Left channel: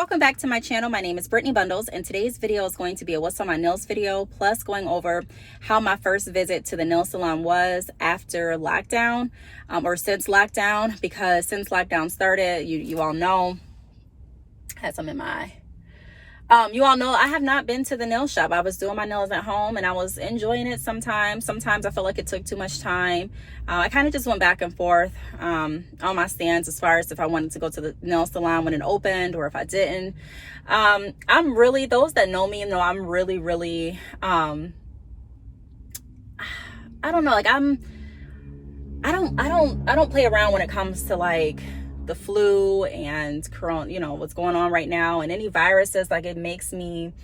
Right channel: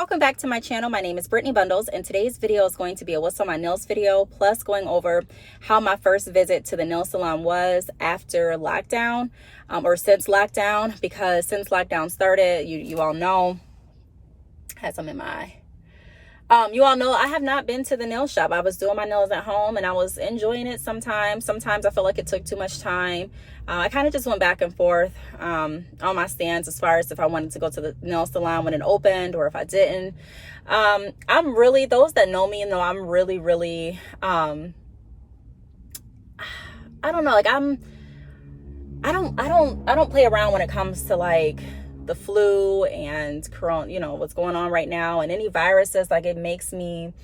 welcome back to my channel. My name is Brittany Bundles, and today's video is going to be a what's on my nails video, plus going over how my first visit to the nail salon was after lockdown, or since lockdown, because since lockdown started, you all know, I had some in my eye. You all know I have not been to the nail shop. I was doing my nails at home and I was enjoying it sometimes. Sometimes I felt like it took too much time. I kind of just went back and forth on my stance as far as if I wanted to go to the nail salon when it opened or if I didn't. I'm really, those that know me know I'm really, I don't know, like I don't play around when it comes to like the flu and corona, you know, what's going on right now, and any viruses. Like, it makes me,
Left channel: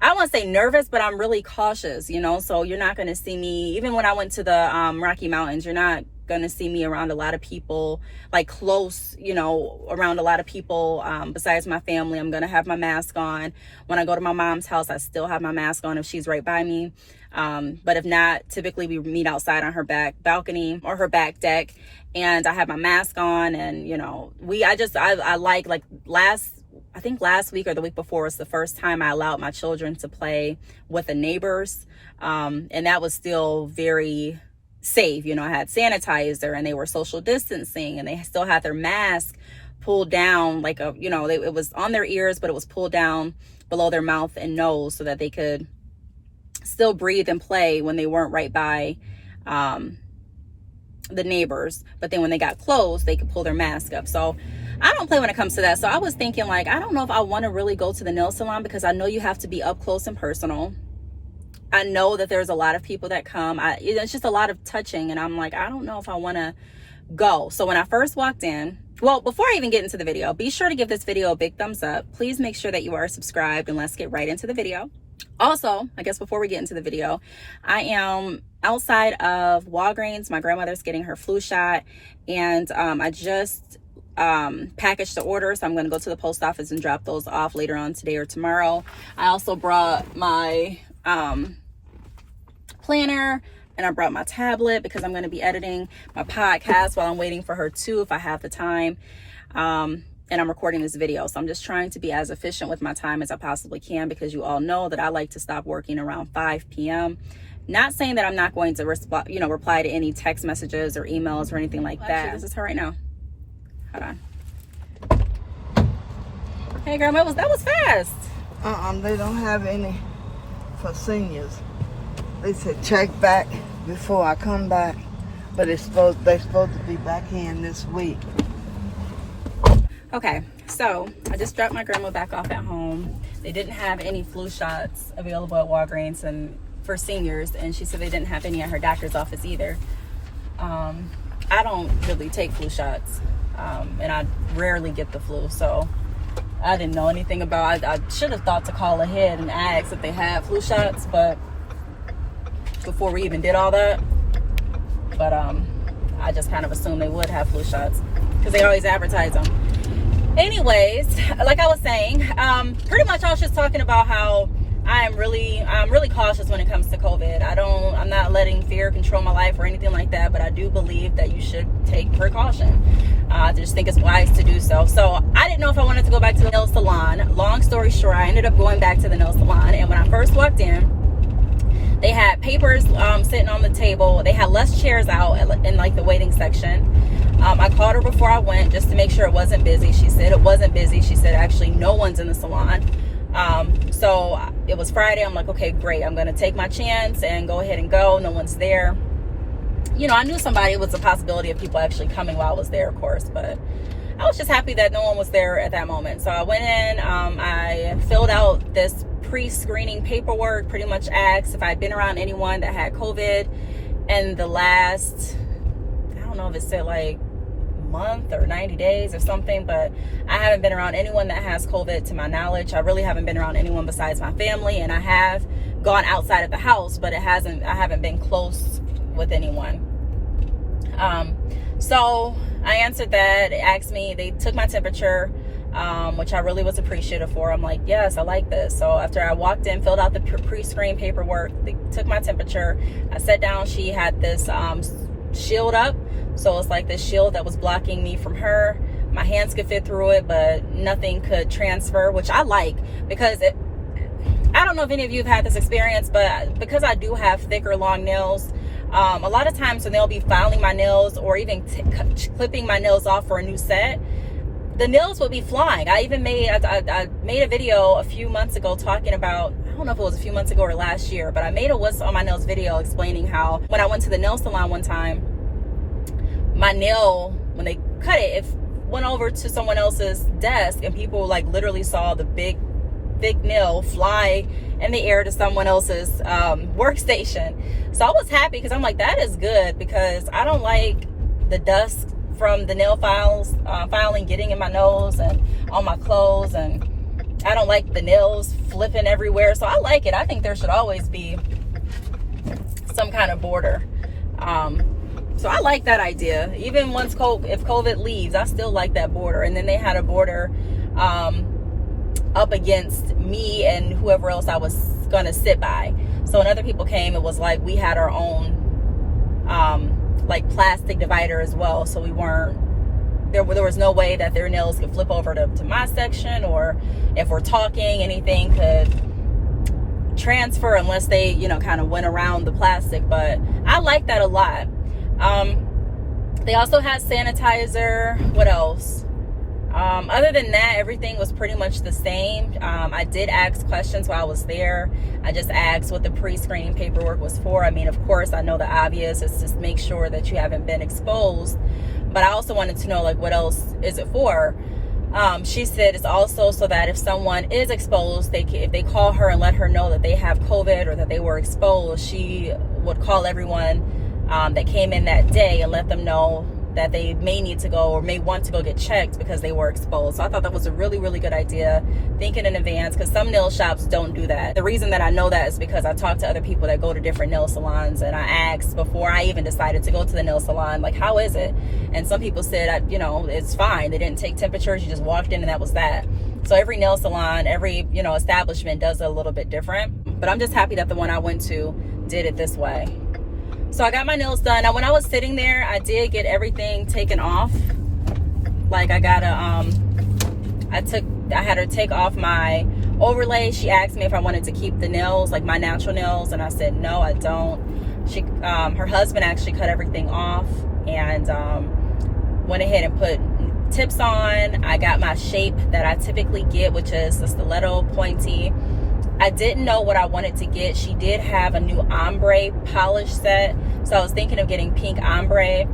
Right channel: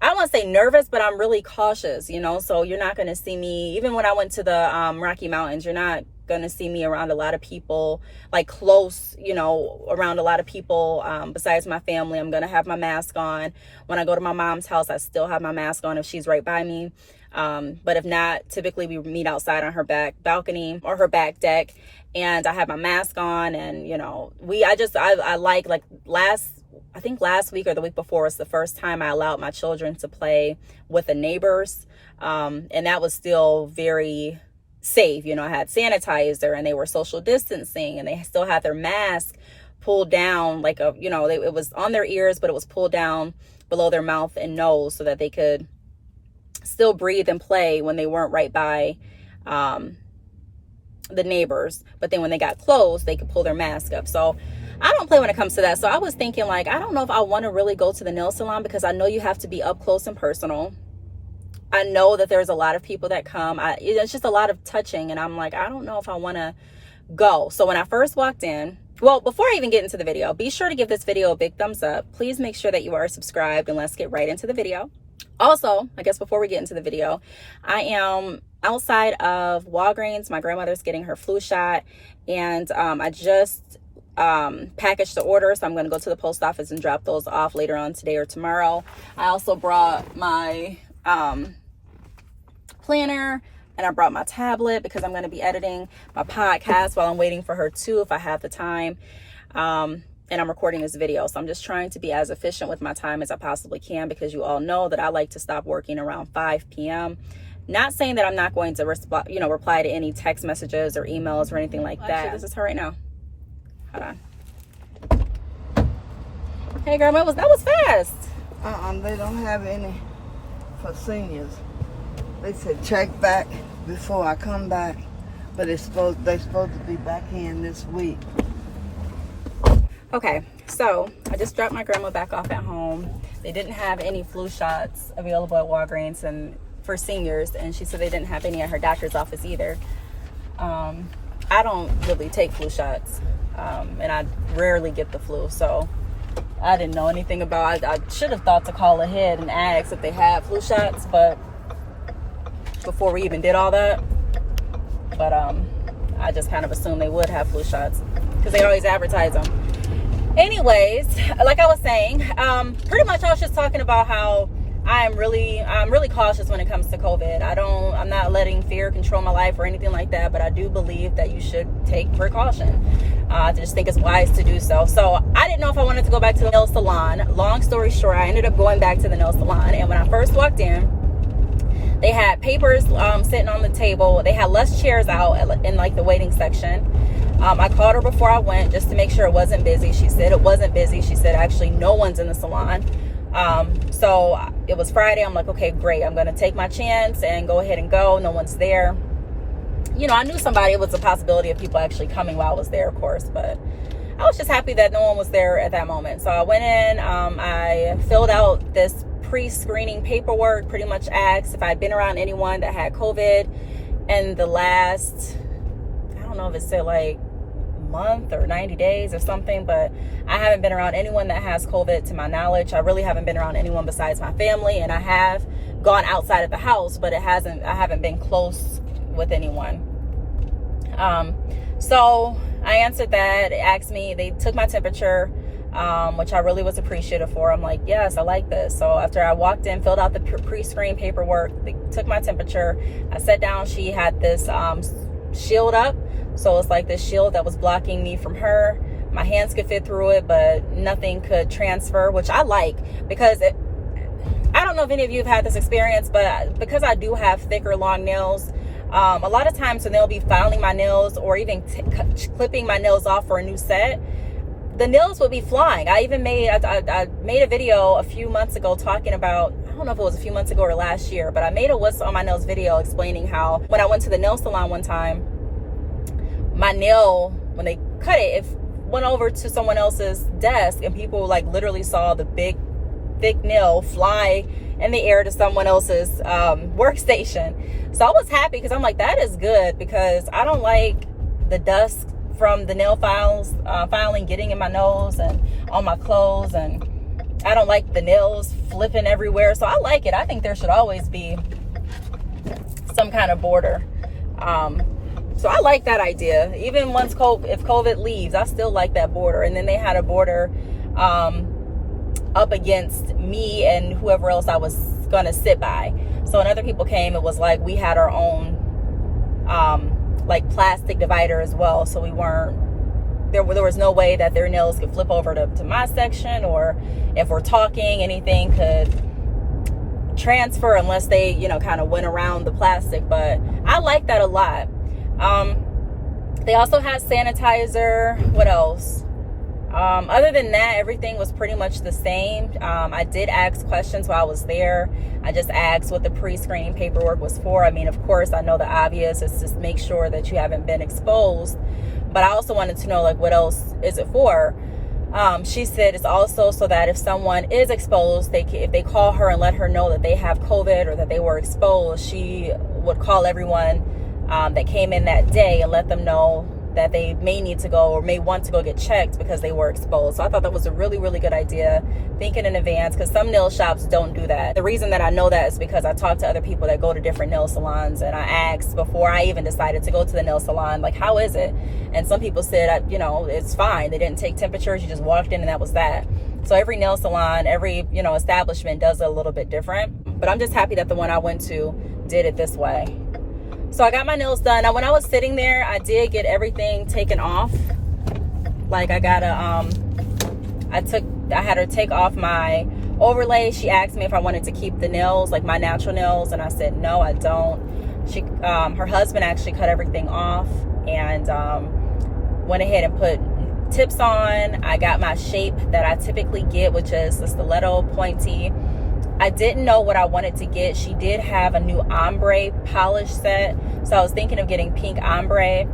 I don't want to say nervous, but I'm really cautious, you know. So you're not going to see me, even when I went to the Rocky Mountains, you're not going to see me around a lot of people, like close, you know, around a lot of people besides my family. I'm going to have my mask on. When I go to my mom's house, I still have my mask on if she's right by me. But if not, typically we meet outside on her back balcony or her back deck, and I have my mask on. And, you know, I like I think last week or the week before was the first time I allowed my children to play with the neighbors. And that was still very safe. You know, I had sanitizer and they were social distancing and they still had their mask pulled down, like it was on their ears, but it was pulled down below their mouth and nose so that they could still breathe and play when they weren't right by the neighbors. But then when they got close, they could pull their mask up. So I don't play when it comes to that. So I was thinking, like, I don't know if I want to really go to the nail salon, because I know you have to be up close and personal. I know that there's a lot of people that come. It's just a lot of touching, and I'm like, I don't know if I want to go. So when I first walked in, well, before I even get into the video, be sure to give this video a big thumbs up. Please make sure that you are subscribed, and let's get right into the video. Also, I guess before we get into the video, I am outside of Walgreens. My grandmother's getting her flu shot, and I just packaged the order, so I'm going to go to the post office and drop those off later on today or tomorrow. I also brought my planner, and I brought my tablet because I'm going to be editing my podcast while I'm waiting for her too, if I have the time. And I'm recording this video, so I'm just trying to be as efficient with my time as I possibly can, because you all know that I like to stop working around 5 p.m. Not saying that I'm not going to reply to any text messages or emails or anything like that. Actually, this is her right now. Hold on. Hey, Grandma, that was fast. They don't have any for seniors. They said check back before I come back, but they're supposed to be back in this week. Okay, so I just dropped my grandma back off at home. They didn't have any flu shots available at Walgreens and for seniors, and she said they didn't have any at her doctor's office either. I don't really take flu shots, and I rarely get the flu, so I didn't know anything about it. I should have thought to call ahead and ask if they had flu shots, but before we even did all that. But I just kind of assumed they would have flu shots because they always advertise them. Anyways, like I was saying, pretty much I was just talking about how I'm really cautious when it comes to COVID. I'm not letting fear control my life or anything like that, but I do believe that you should take precaution. I just think it's wise to do so. So I didn't know if I wanted to go back to the nail salon. Long story short, I ended up going back to the nail salon, and when I first walked in, they had papers sitting on the table. They had less chairs out in like the waiting section. I called her before I went just to make sure it wasn't busy. She said it wasn't busy. She said actually no one's in the salon. So it was Friday. I'm like, okay, great. I'm going to take my chance and go ahead and go. No one's there. You know, I knew it was a possibility of people actually coming while I was there, of course, but I was just happy that no one was there at that moment. So I went in, I filled out this pre-screening paperwork, pretty much asked if I'd been around anyone that had COVID in the last, I don't know if it said like month or 90 days or something, but I haven't been around anyone that has COVID to my knowledge. I really haven't been around anyone besides my family, and I have gone outside of the house, but I haven't been close with anyone. So I answered that. It asked me, they took my temperature, which I really was appreciative for. I'm like, yes, I like this. So after I walked in, filled out the pre-screen paperwork, they took my temperature. I sat down. She had this shield up. So it's like this shield that was blocking me from her. my hands could fit through it, but nothing could transfer, which I like, because I don't know if any of you have had this experience, but because I do have thicker, long nails, a lot of times when they'll be filing my nails or even clipping my nails off for a new set, the nails would be flying. I made a video a few months ago talking about, I don't know if it was a few months ago or last year, but I made a what's on my nails video explaining how when I went to the nail salon one time, my nail, when they cut it, it went over to someone else's desk, and people like literally saw the big thick nail fly in the air to someone else's workstation. So I was happy, because I'm like, that is good, because I don't like the dust from the nail filing getting in my nose and on my clothes, and I don't like the nails flipping everywhere. So I like it. I think there should always be some kind of border. So I like that idea. Even once if COVID leaves, I still like that border. And then they had a border up against me and whoever else I was gonna sit by. So when other people came, it was like we had our own like plastic divider as well. So we weren't, there was no way that their nails could flip over to my section, or if we're talking, anything could transfer unless they, you know, kind of went around the plastic. But I like that a lot. They also had sanitizer. What else? Other than that, everything was pretty much the same. I did ask questions while I was there. I just asked what the pre-screening paperwork was for. I mean, of course, I know the obvious is to make sure that you haven't been exposed, but I also wanted to know, like, what else is it for? She said it's also so that if someone is exposed, if they call her and let her know that they have COVID or that they were exposed, she would call everyone that came in that day and let them know that they may need to go or may want to go get checked because they were exposed. So I thought that was a really, really good idea, thinking in advance, because some nail shops don't do that. The reason that I know that is because I talked to other people that go to different nail salons, and I asked before I even decided to go to the nail salon, like, how is it? And some people said, you know, it's fine. They didn't take temperatures. You just walked in and that was that. So every nail salon, every, you know, establishment does it a little bit different. But I'm just happy that the one I went to did it this way. So I got my nails done. Now, when I was sitting there, I did get everything taken off. Like, I had her take off my overlay. She asked me if I wanted to keep the nails, like my natural nails, and I said no, I don't. She, her husband actually cut everything off and went ahead and put tips on. I got my shape that I typically get, which is the stiletto pointy. I didn't know what I wanted to get. She did have a new ombre polish set, so I was thinking of getting pink ombre.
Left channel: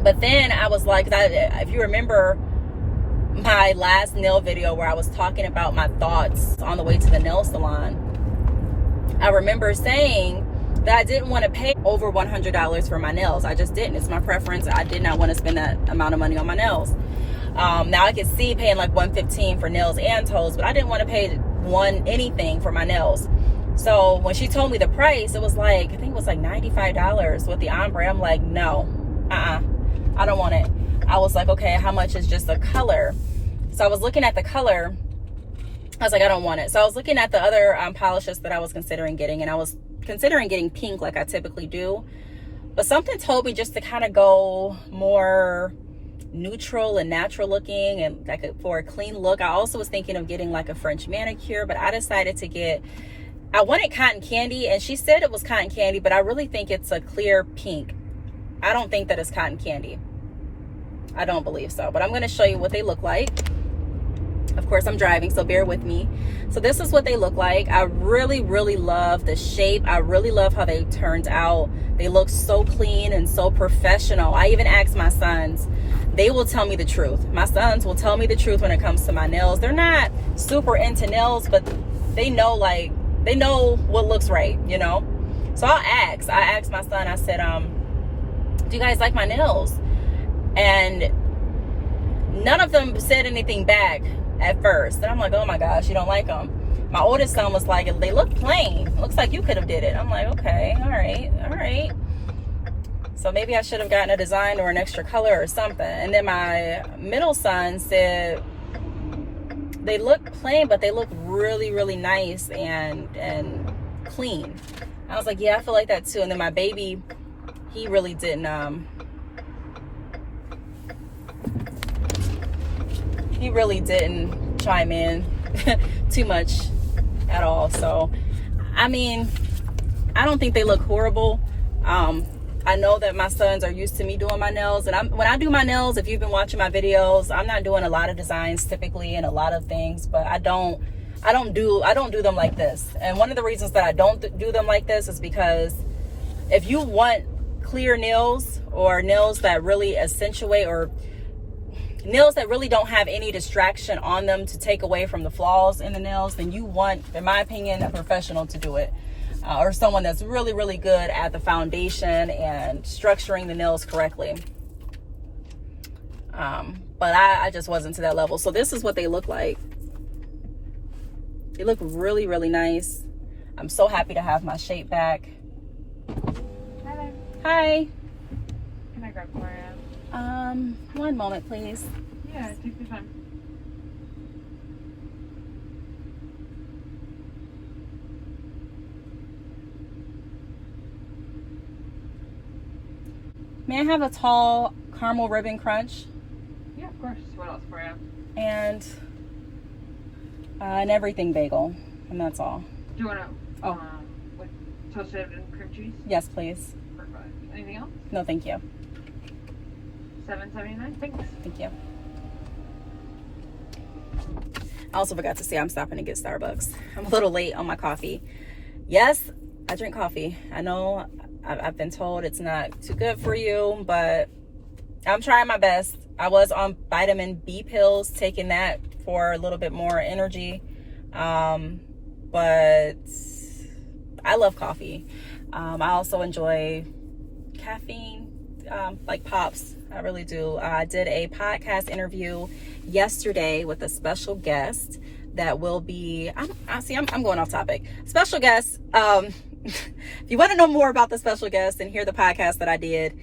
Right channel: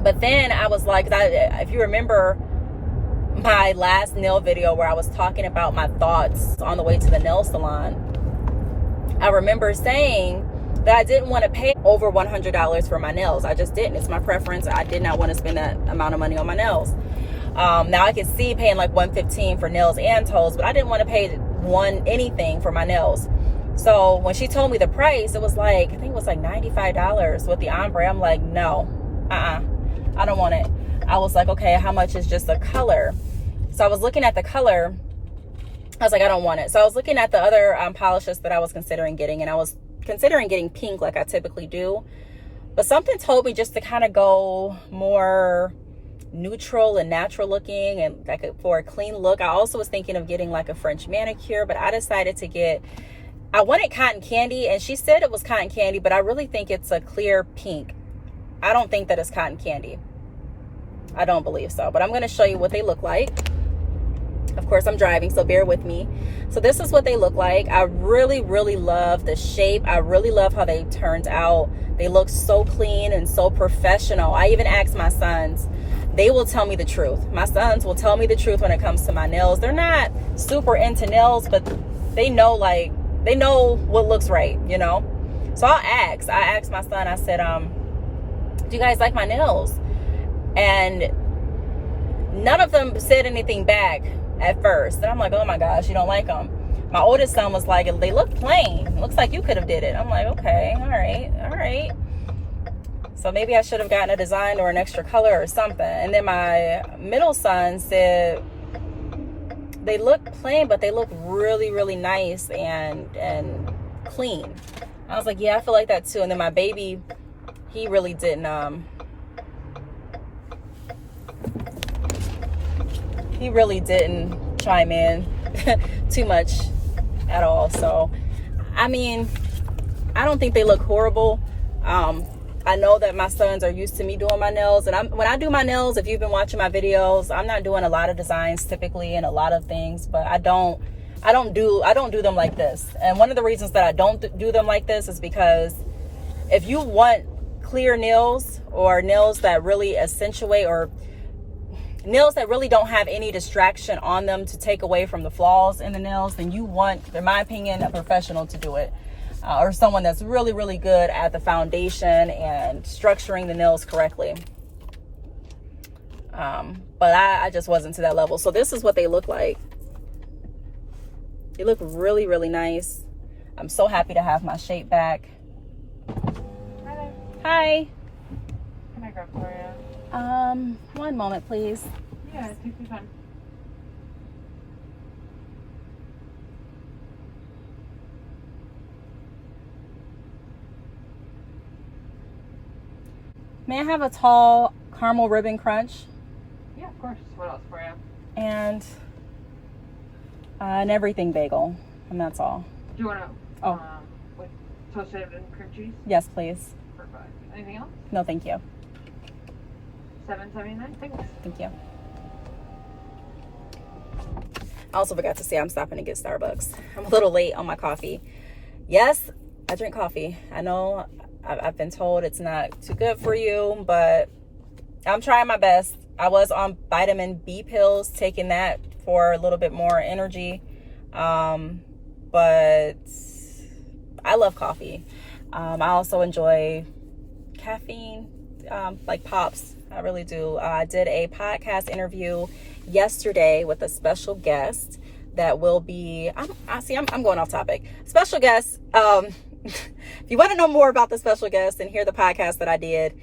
But then I was like, if you remember my last nail video where I was talking about my thoughts on the way to the nail salon, I remember saying that I didn't want to pay over $100 for my nails. I just didn't. It's my preference. I did not want to spend that amount of money on my nails. Now I could see paying like $115 for nails and toes, but I didn't want to pay anything for my nails. So when she told me the price, it was like, I think it was like $95 with the ombre. I'm like, no, I don't want it. I was like, okay, how much is just the color? So I was looking at the color. I was like, I don't want it. So I was looking at the other polishes that I was considering getting, and I was considering getting pink like I typically do. But something told me just to kind of go more neutral and natural looking, and like for a clean look. I also was thinking of getting like a French manicure, but I decided to I wanted cotton candy, and she said it was cotton candy, but I really think it's a clear pink. I don't think that it's cotton candy. I don't believe so, but I'm going to show you what they look like. Of course, I'm driving, so bear with me. So this is what they look like. I really, really love the shape. I really love how they turned out. They look so clean and so professional. I even asked my sons. They will tell me the truth. My sons will tell me the truth when it comes to my nails. They're not super into nails, but they know what looks right, you know? So I asked my son, I said, do you guys like my nails? And none of them said anything back at first. And I'm like, oh my gosh, you don't like them. My oldest son was like, they look plain. Looks like you could have did it. I'm like, okay, all right. So maybe I should have gotten a design or an extra color or something. And then my middle son said, they look plain, but they look really, really nice and clean. I was like, yeah, I feel like that too. And then my baby, he really didn't, he really didn't chime in too much at all. So, I mean, I don't think they look horrible. I know that my sons are used to me doing my nails, and when I do my nails, if you've been watching my videos, I'm not doing a lot of designs typically and a lot of things, but I don't do them like this. And one of the reasons that I don't do them like this is because if you want clear nails, or nails that really accentuate, or nails that really don't have any distraction on them to take away from the flaws in the nails, then you want, in my opinion, a professional to do it. Or someone that's really, really good at the foundation and structuring the nails correctly. But I just wasn't to that level. So this is what they look like. They look really, really nice. I'm so happy to have my shape back. Hi there. Hi. Can I grab for you? One moment, please. Yeah, take your time. May I have a tall caramel ribbon crunch? Yeah, of course. What else for you? And an everything bagel. And that's all. Do you want to? Oh. With toasted and cream cheese? Yes, please. Perfect. Anything else? No, thank you. $7.79. Thanks. Thank you. I also forgot to say I'm stopping to get Starbucks. I'm a little late on my coffee. Yes, I drink coffee. I know I've been told it's not too good for you, but I'm trying my best. I was on vitamin B pills, taking that for a little bit more energy. But I love coffee. I also enjoy caffeine, like pops. I really do. I did a podcast interview yesterday with a special guest that will be, I'm going off topic. Special guest. If you want to know more about the special guest and hear the podcast that I did,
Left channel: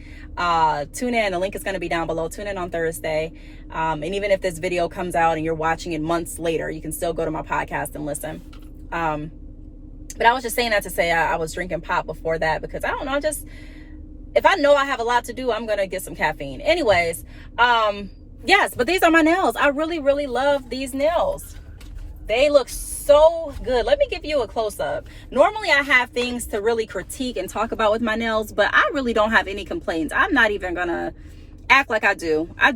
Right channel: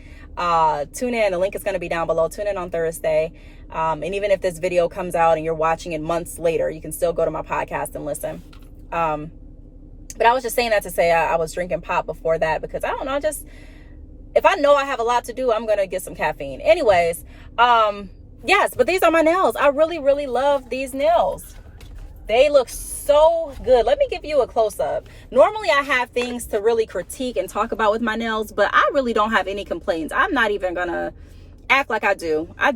tune in. The link is going to be down below. Tune in on Thursday. And even if this video comes out and you're watching it months later, you can still go to my podcast and listen. But I was just saying that to say I was drinking pop before that because I don't know, just if I know I have a lot to do, I'm going to get some caffeine. Anyways, yes, but these are my nails. I really, really love these nails. They look so good. Let me give you a close-up. Normally I have things to really critique and talk about with my nails, but I really don't have any complaints. I'm not even gonna act like I do. I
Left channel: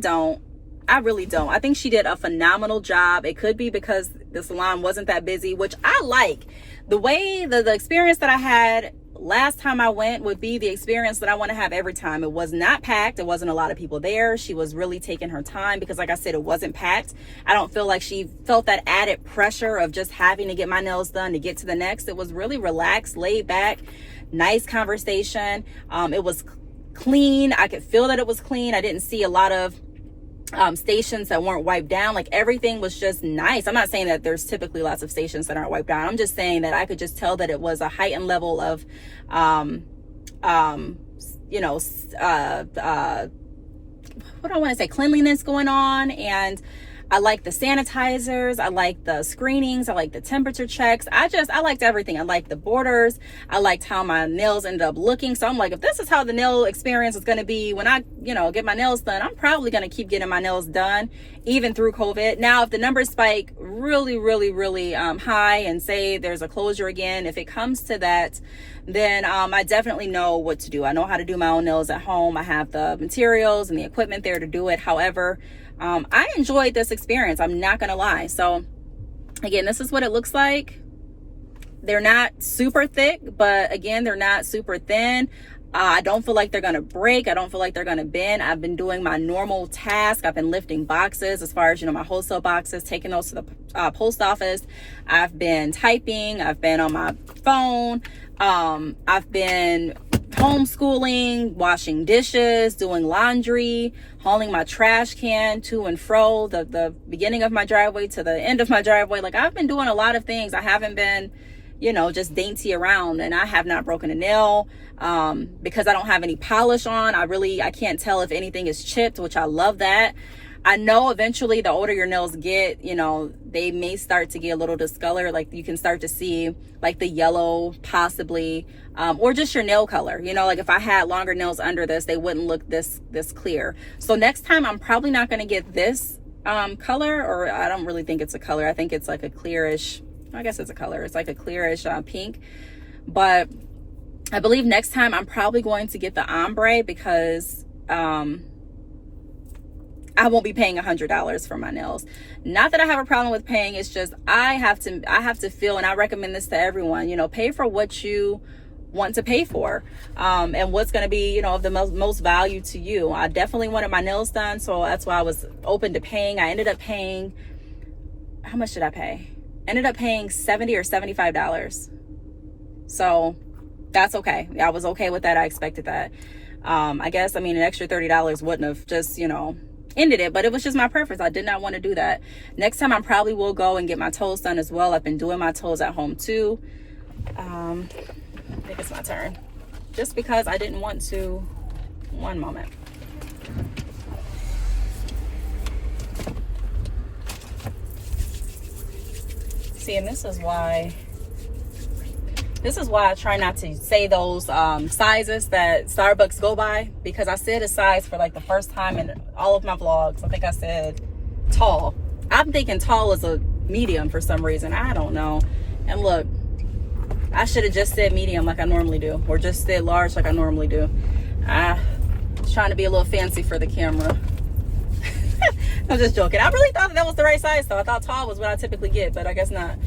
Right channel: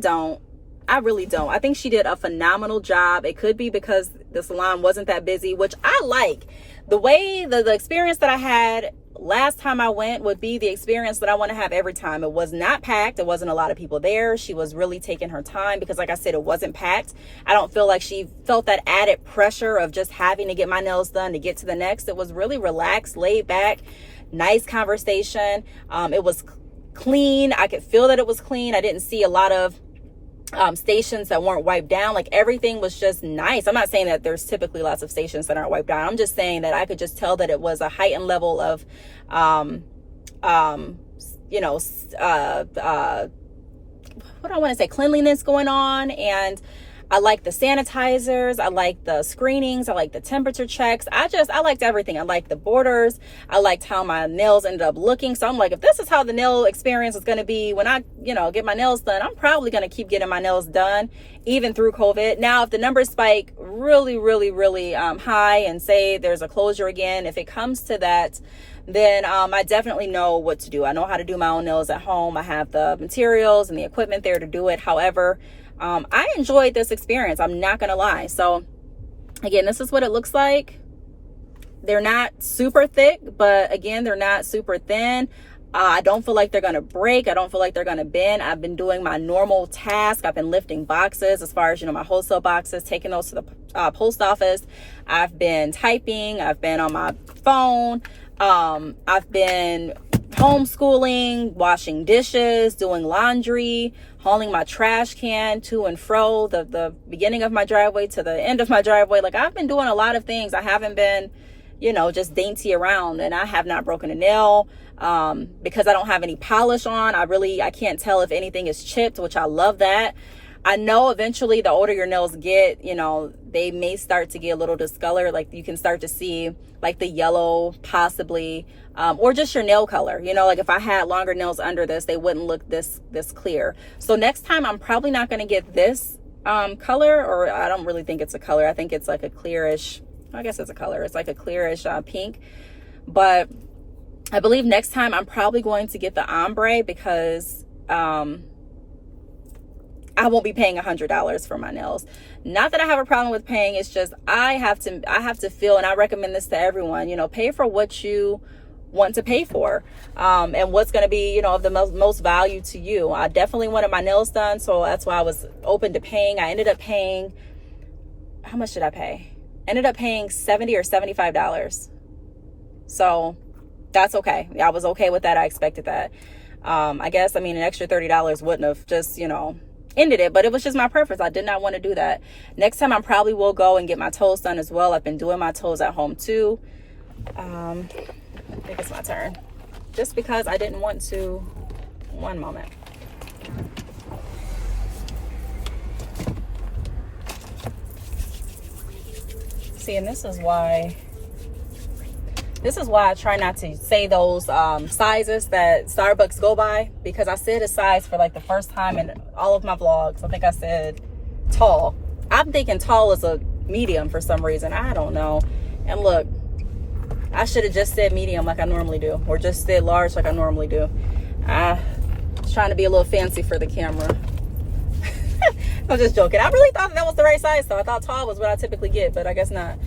really don't. I think she did a phenomenal job. It could be because the salon wasn't that busy, which I like. The way the experience that I had last time I went would be the experience that I want to have every time. It was not packed. There wasn't a lot of people there. She was really taking her time because, like I said, it wasn't packed. I don't feel like she felt that added pressure of just having to get my nails done to get to the next. It was really relaxed, laid back, nice conversation. It was clean. I could feel that it was clean. I didn't see a lot of stations that weren't wiped down. Like everything was just nice. I'm not saying that there's typically lots of stations that aren't wiped down. I'm just saying that I could just tell that it was a heightened level of what do I want to say, cleanliness going on. And I like the sanitizers. I like the screenings. I like the temperature checks. I liked everything. I liked the borders. I liked how my nails ended up looking. So I'm like, if this is how the nail experience is going to be when I, get my nails done, I'm probably going to keep getting my nails done even through COVID. Now, if the numbers spike really, really, really high and say there's a closure again, if it comes to that, then I definitely know what to do. I know how to do my own nails at home. I have the materials and the equipment there to do it. However, I enjoyed this experience. I'm not going to lie. So again, this is what it looks like. They're not super thick, but again, they're not super thin. I don't feel like they're going to break. I don't feel like they're going to bend. I've been doing my normal task. I've been lifting boxes as far as, my wholesale boxes, taking those to the post office. I've been typing. I've been on my phone. I've been homeschooling, washing dishes, doing laundry, hauling my trash can to and fro, the beginning of my driveway to the end of my driveway. Like I've been doing a lot of things. I haven't been, just dainty around, and I have not broken a nail because I don't have any polish on. I can't tell if anything is chipped, which I love that. I know eventually the older your nails get, they may start to get a little discolored. Like you can start to see like the yellow possibly, or just your nail color. Like if I had longer nails under this, they wouldn't look this clear. So next time I'm probably not going to get this color, or I don't really think it's a color. I think it's like a clearish, I guess it's a color. It's like a clearish pink. But I believe next time I'm probably going to get the ombre because I won't be paying $100 for my nails. Not that I have a problem with paying. It's just I have to feel, and I recommend this to everyone, you know, pay for what you want to pay for, and what's going to be, you know, of the most value to you. I definitely wanted my nails done, so that's why I was open to paying. I ended up paying, how much did I pay? Ended up paying $70 or $75. So that's okay. I was okay with that. I expected that. I guess, I mean, an extra $30 wouldn't have just, you know, ended it, but it was just my preference. I did not want to do that. Next time I probably will go and get my toes done as well. I've been doing my toes at home too. I think it's my turn. Just because I didn't want to. One moment. See, and this is why I try not to say those sizes that Starbucks go by, because I said a size for like the first time in all of my vlogs. I think I said tall. I'm thinking tall is a medium for some reason. I don't know. And look, I should have just said medium like I normally do, or just said large like I normally do. Trying to be a little fancy for the camera. I'm just joking. I really thought that was the right size, though. I thought tall was what I typically get, but I guess not.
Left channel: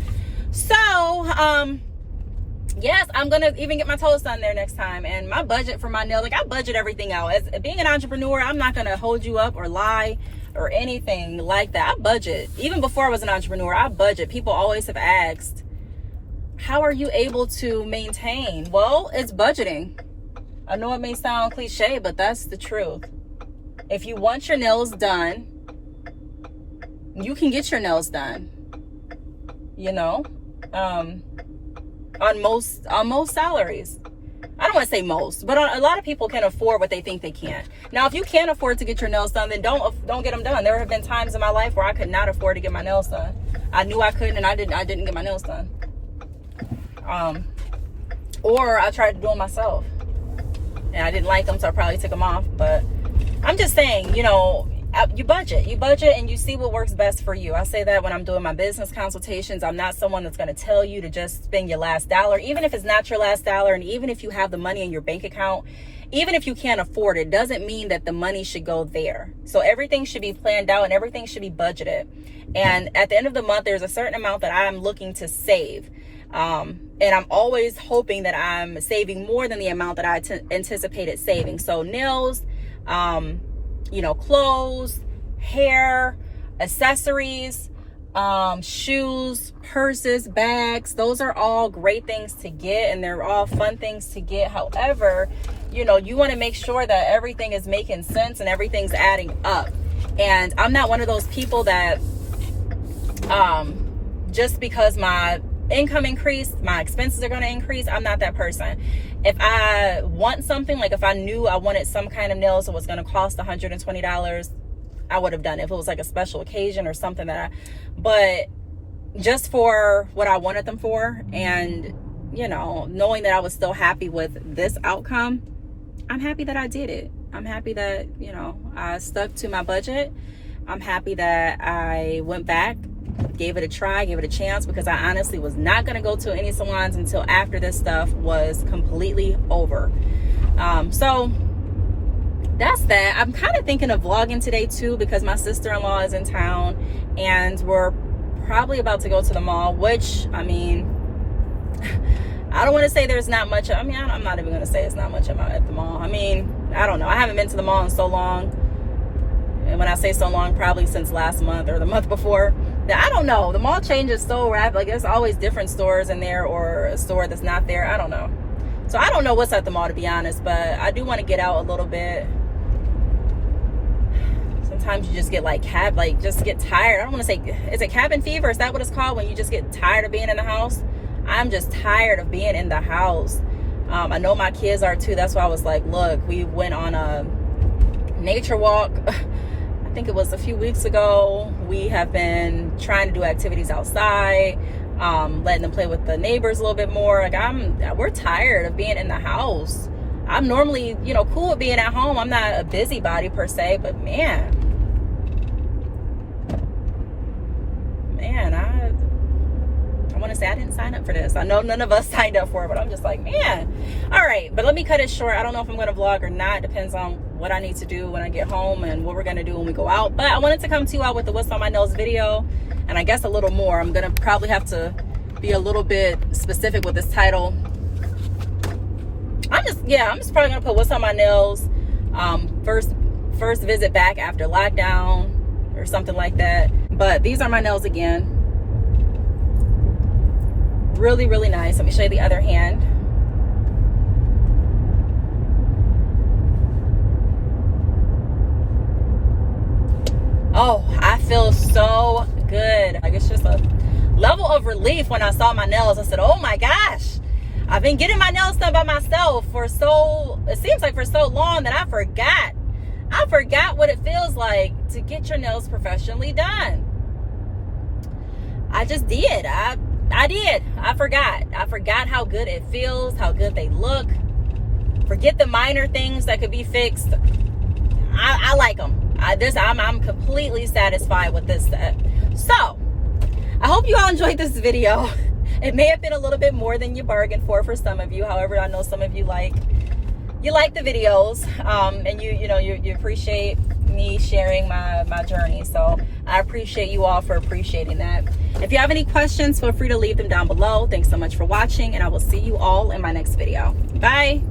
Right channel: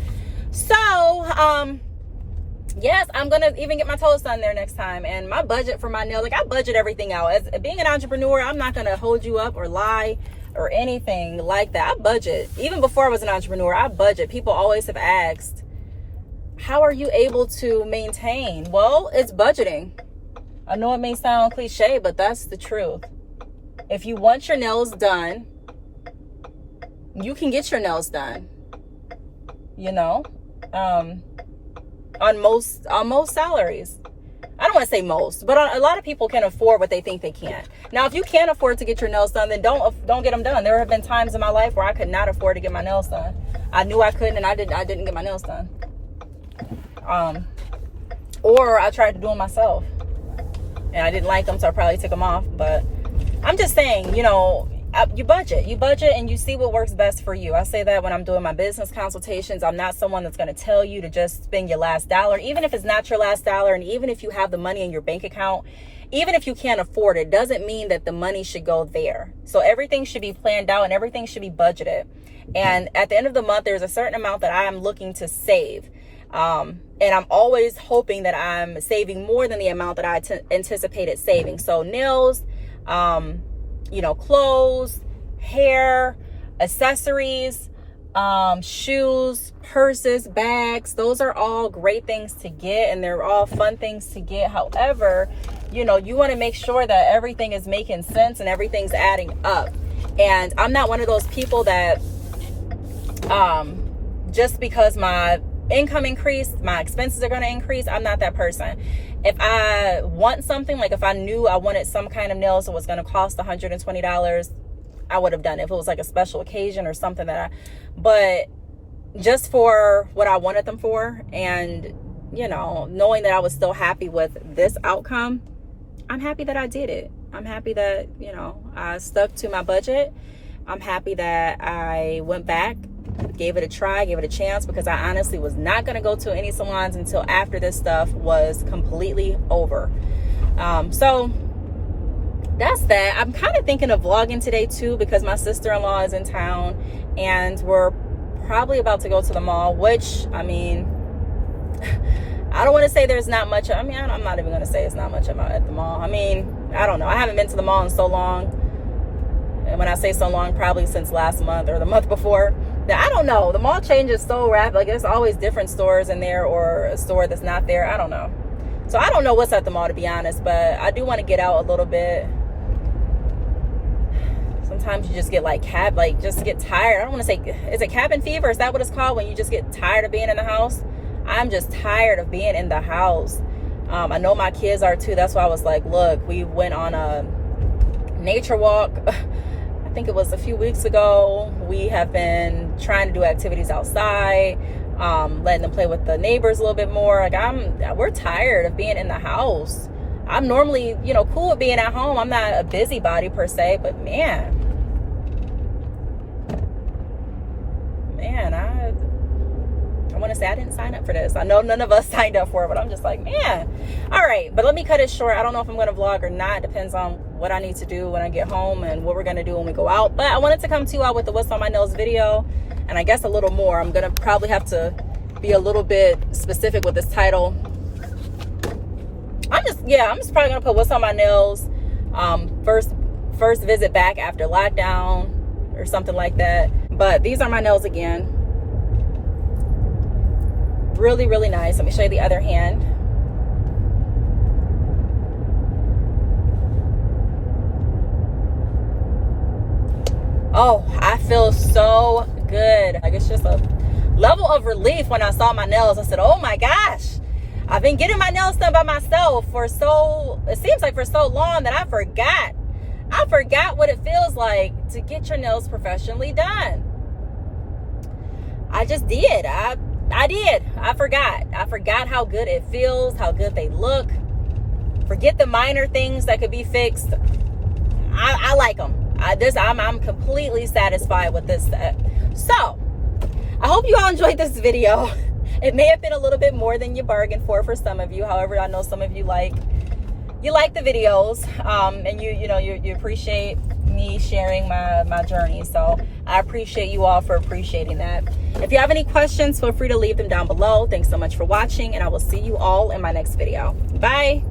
So, yes, I'm gonna even get my toes done there next time. And my budget for my nails, like, I budget everything out. As being an entrepreneur, I'm not gonna hold you up or lie or anything like that. I budget. Even before I was an entrepreneur, I budget. People always have asked, how are you able to maintain? Well, it's budgeting. I know it may sound cliche, but that's the truth. If you want your nails done, you can get your nails done. You know, on most salaries. I don't want to say most, but a lot of people can afford what they think they can. Now, if you can't afford to get your nails done, then don't get them done. There have been times in my life where I could not afford to get my nails done. I knew I couldn't, and I didn't get my nails done. Or I tried to do them myself, and I didn't like them, so I probably took them off. But I'm just saying, you know, you budget, and you see what works best for you. I say that when I'm doing my business consultations. I'm not someone that's going to tell you to just spend your last dollar, even if it's not your last dollar, and even if you have the money in your bank account. Even if you can't afford it, doesn't mean that the money should go there. So everything should be planned out, and everything should be budgeted. And at the end of the month, there's a certain amount that I'm looking to save. And I'm always hoping that I'm saving more than the amount that I anticipated saving. So nails, you know, clothes, hair, accessories, shoes, purses, bags. Those are all great things to get, and they're all fun things to get. However, you know, you want to make sure that everything is making sense and everything's adding up. And I'm not one of those people that just because my income increased, my expenses are going to increase. I'm not that person. If I want something, like if I knew I wanted some kind of nails that was going to cost $120, I would have done it. If it was like a special occasion or something but just for what I wanted them for, and, you know, knowing that I was still happy with this outcome, I'm happy that I did it. I'm happy that, you know, I stuck to my budget. I'm happy that I went back, gave it a try, gave it a chance, because I honestly was not going to go to any salons until after this stuff was completely over. So that's that. I'm kind of thinking of vlogging today too, because my sister-in-law is in town, and we're probably about to go to the mall, which, I mean, I don't want to say there's not much. I mean, I'm not even going to say it's not much about at the mall. I mean, I don't know. I haven't been to the mall in so long. And when I say so long, probably since last month or the month before. I don't know. The mall changes so rapid. Like, there's always different stores in there, or a store that's not there. I don't know. So I don't know what's at the mall, to be honest. But I do want to get out a little bit. Sometimes you just get just get tired. I don't want to say, is it cabin fever? Is that what it's called? When you just get tired of being in the house? I'm just tired of being in the house. I know my kids are too. That's why I was like, look, we went on a nature walk. I think it was a few weeks ago. We have been trying to do activities outside, letting them play with the neighbors a little bit more. Like, we're tired of being in the house. I'm normally, you know, cool with being at home. I'm not a busybody per se, but man, man, I want to say I didn't sign up for this. I know none of us signed up for it, but I'm just like, man. All right, but let me cut it short. I don't know if I'm going to vlog or not. Depends on what I need to do when I get home and what we're going to do when we go out. But I wanted to come to you all with the What's on My Nails video, and I guess a little more. I'm going to probably have to be a little bit specific with this title. I'm just probably going to put What's on My Nails, first visit back after lockdown or something like that. But these are my nails again. Really, really nice. Let me show you the other hand. Oh, I feel so good. Like, it's just a level of relief when I saw my nails. I said, oh my gosh, I've been getting my nails done by myself it seems like for so long that I forgot what it feels like to get your nails professionally done. I just did. I did. I forgot how good it feels, how good they look. Forget the minor things that could be fixed. I like them. I'm completely satisfied with this set. So, I hope you all enjoyed this video. It may have been a little bit more than you bargained for some of you. However, I know some of you like the videos, and you appreciate me sharing my journey. So I appreciate you all for appreciating that. If you have any questions, feel free to leave them down below. Thanks so much for watching, and I will see you all in my next video. Bye.